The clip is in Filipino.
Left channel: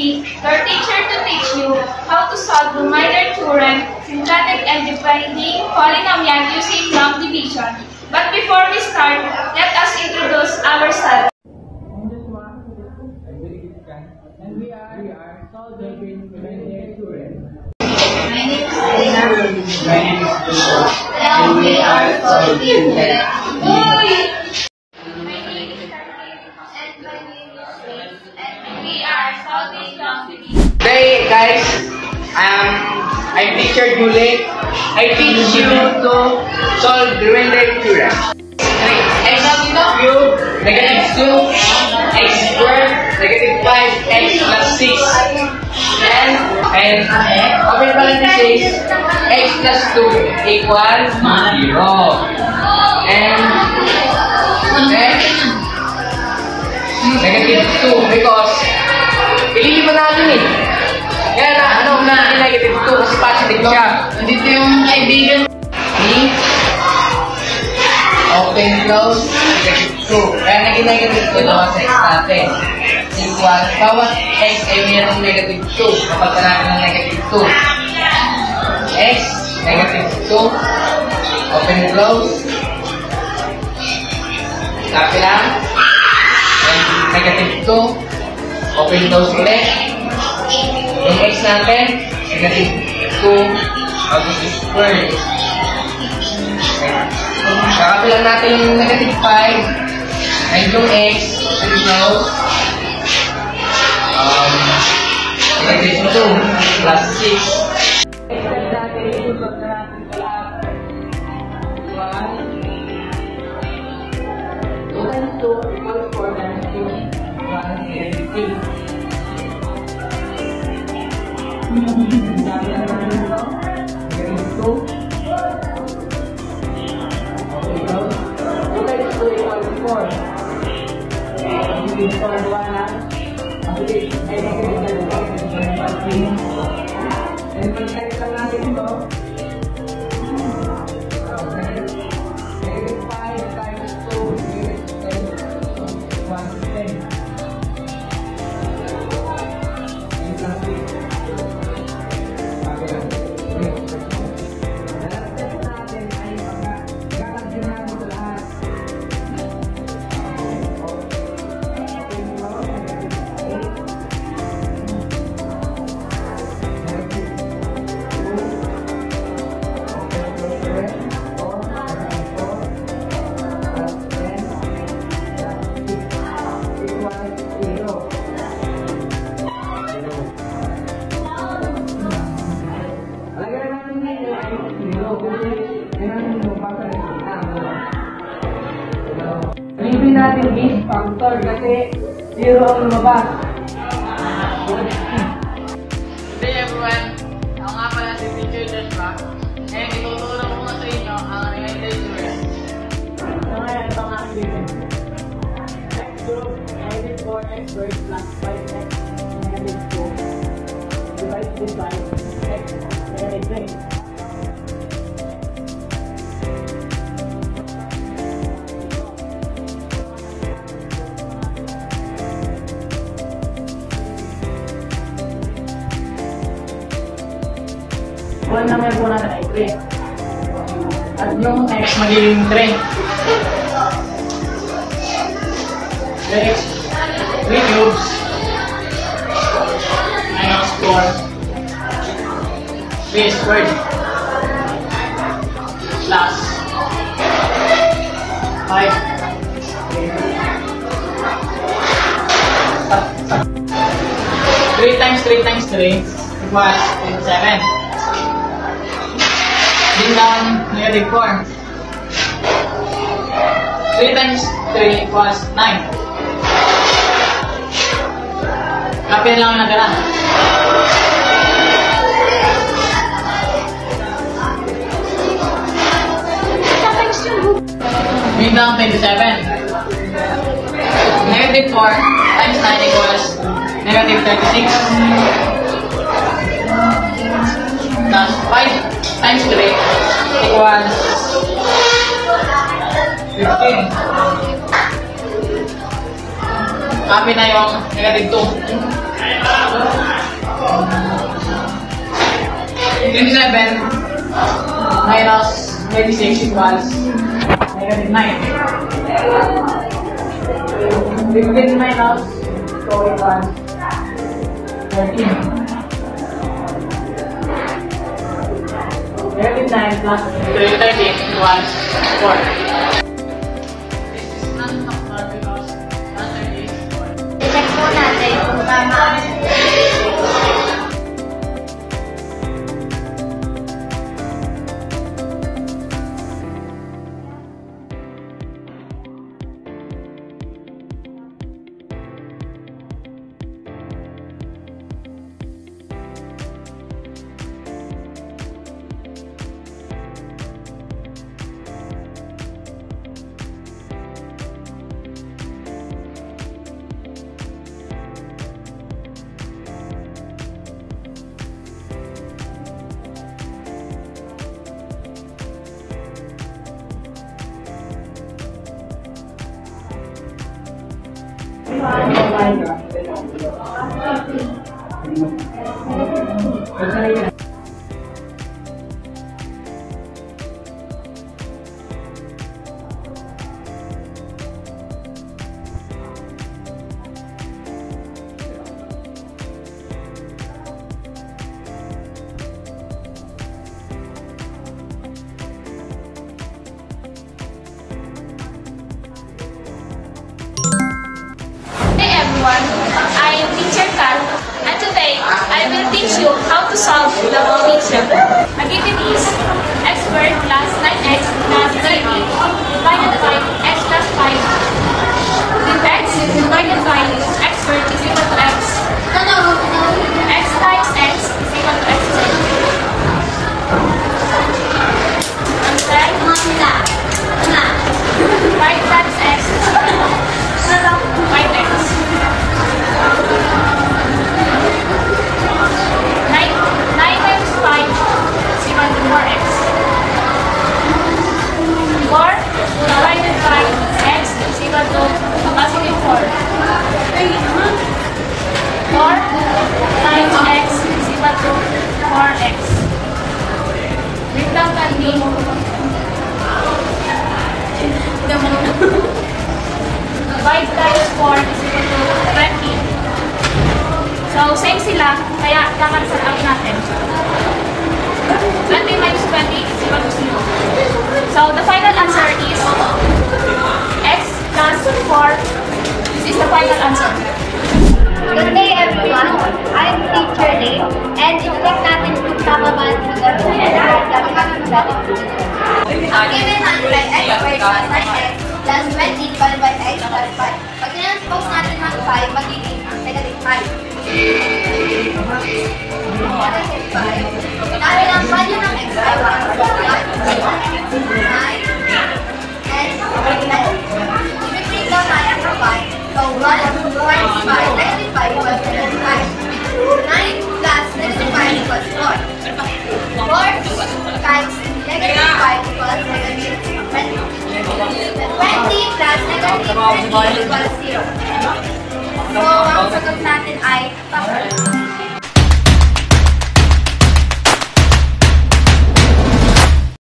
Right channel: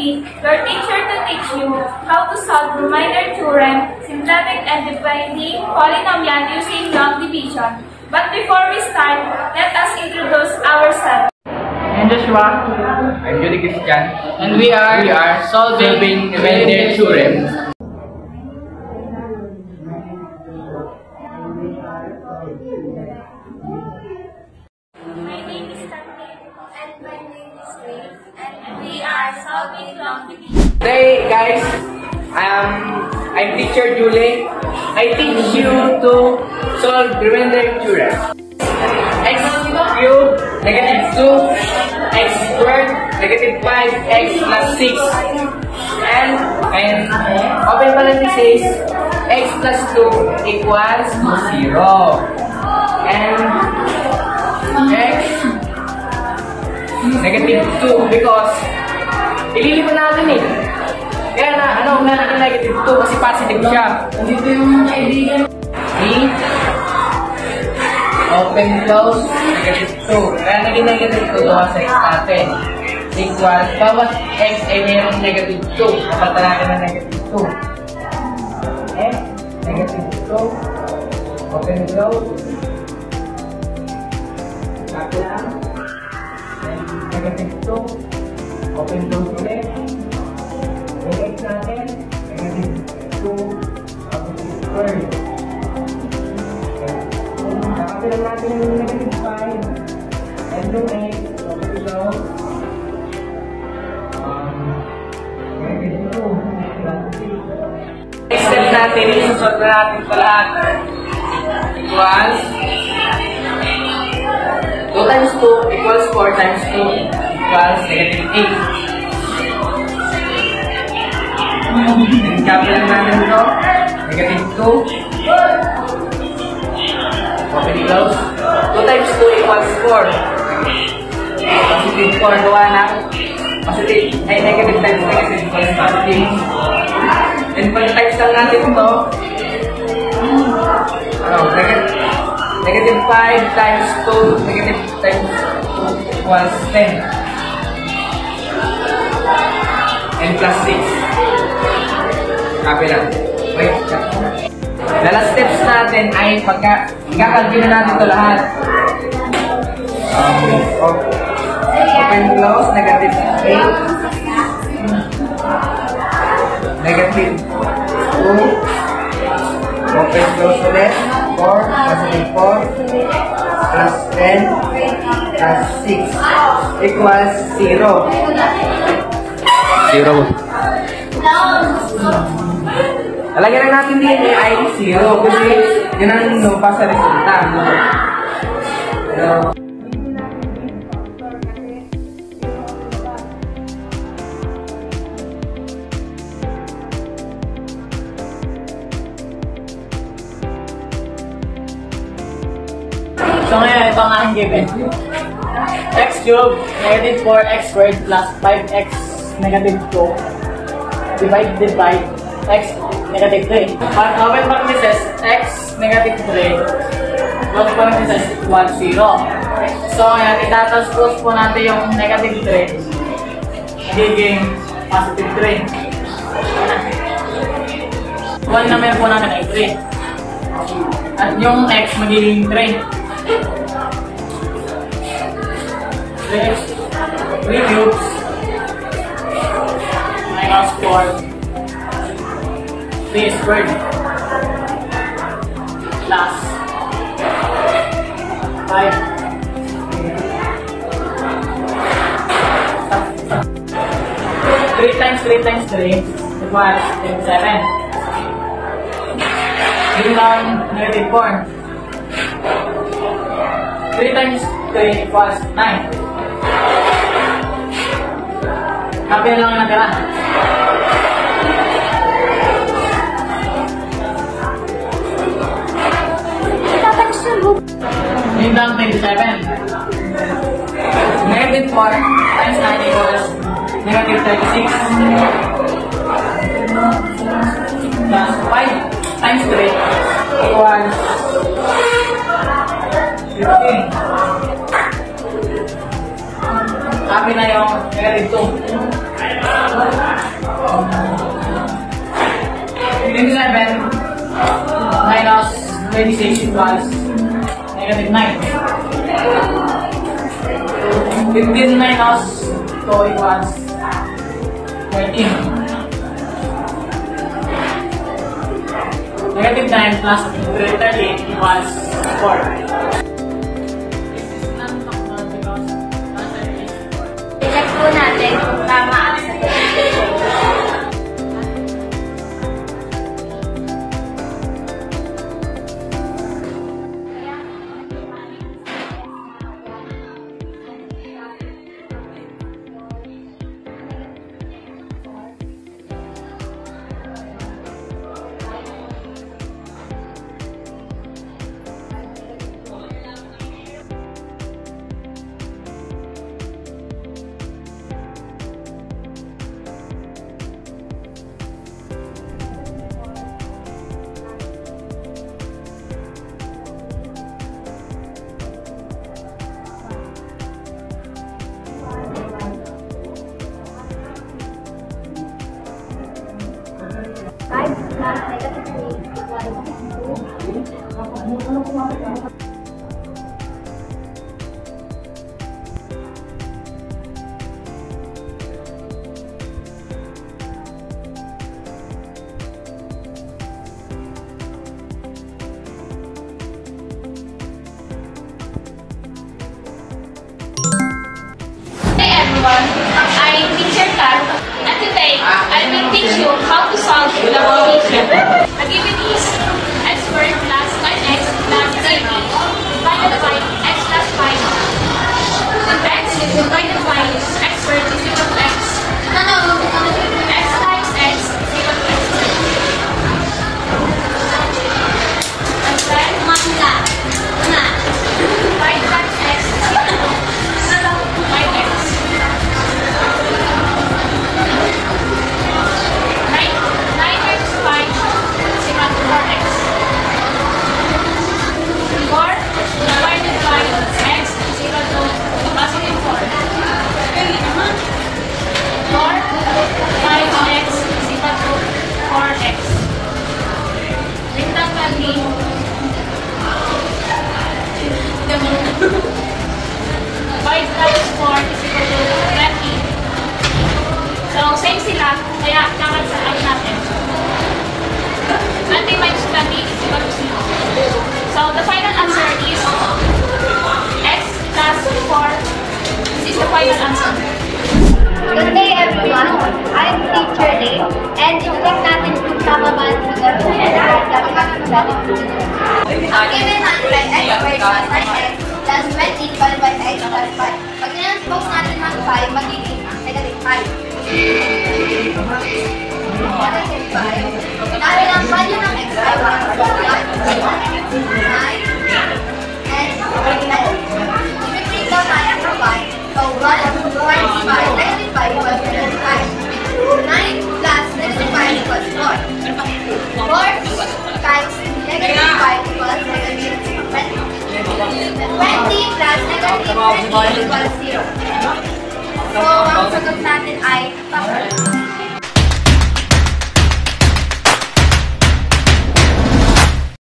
be your teacher to teach you how to solve remainder theorem, syncretic and dividing polynomial using long division. But before we start, let us introduce ourselves. I'm Joshua. I'm Judy Christian. And we are solving remainder theorem. My name is Elena. My name is Joshua. And we are solving My name is Carmen. And my name is Ray. And we are solving long division. Today, guys, I'm teacher Julie. I teach you to solve remainder theorem. X cubed, negative 2, x squared, negative 5, x plus 6. And open parenthesis, x plus 2 equals 0. And x negative 2 because ililiban natin eh. Kaya na negative 2 kasi positive siya. Nandito yung kaibigan. Open close, negative 2. Kaya naging negative 2 doon sa x natin. Equal, bawat x ay mayroong negative 2. Kapalitan natin ng negative 2. X, negative 2. Open close. Copy lang. And negative 2. Open close ulit. Yung x natin, negative 2. Out of square. Kakabilang natin yung negative 5 and yung x, open close. Negative 2 plus 6. Next step natin, isusot na natin ito lahat. Equals 2 times 2 equals 4 times 2 equals negative 8. Kabilang natin ito, negative 2. Open close. 2 times 2 equals 4. Positive 4 gawa na. Positive ay negative times negative equals positive. And pag times lang natin ito, negative 5 times 2, negative times 2 equals 10. And plus 6. Copy lang. Wait. The last steps natin ay pagka-calculate na natin ito lahat. Open close, negative 8. Negative 2. Open close ulit. 4, positive 4. Plus 10. Plus 6. Equals 0. 0. Talagyan lang natin din ay 0 kasi yun ang lumabas sa resulta. Libre natin this factor kasi 0 ang lumabas. Hey everyone, ako nga pala si Teacher Joshua. Ngayon, itutulong ko sa inyo ang remainder theorem. So ngayon, ito ang aking given. X cubed, negative 4x squared plus 5x negative 2 divided by x negative 3. Open parenthesis, x negative 3 close parenthesis equals 0. So ngayon, itatranspose po natin yung negative 3 magiging positive 3. 1 naman po natin ay 3. At yung x magiging 3. 3x 3 cubes minus 4 3 squared plus 5 3 times 3 times 3 equals 27. Bring down negative 4. 3 times 3 equals 9. Kapil lang yung natira. Bring down 27. Negative 4 times 9 equals negative 36. Plus 5 times 3 equals 15. Copy na yung negative 2. 27 minus 26 equals negative 9. 15 minus 2 equals 13. Negative 9 plus 13 equals 4. This is non-factor because answer is 4. I-check po natin kung tama. Hey everyone, I'm Teacher Carl, and today I will teach you how to solve the equation. A given is x squared plus 9x plus 3b divided by x plus 5. X divided by x squared is equal to x. X times x is equal to x squared. And then 5 times x is equal to 5x. 9 times 5 is equal to 4x. 4 divided by x is equal to positive 4. 4 times x is equal to 4x. Breakdown can be 5 times 4 is equal to 20. So, same sila, kaya kakansel out natin. 20 minus 20 is equal to 0. So, the final answer is x plus 4. This is the final answer. Good day everyone, I'm Teacher Lee, and i-check natin kung tama ba ang figure kung ang given answer ay x squared plus 9x plus 20 divided by x plus 5. Pag tinranspose natin ng 5, magiging negative 5. Negative 5. Dahil ang value ng x ay 1, 9, and 9. I-break down natin ng 5. So 1 times 5, negative 5 equals negative 5. 9 plus negative 5 equals 4. 4 times negative 5 equals negative 20. 20 plus negative 20 equals 0. So, ang sagot natin ay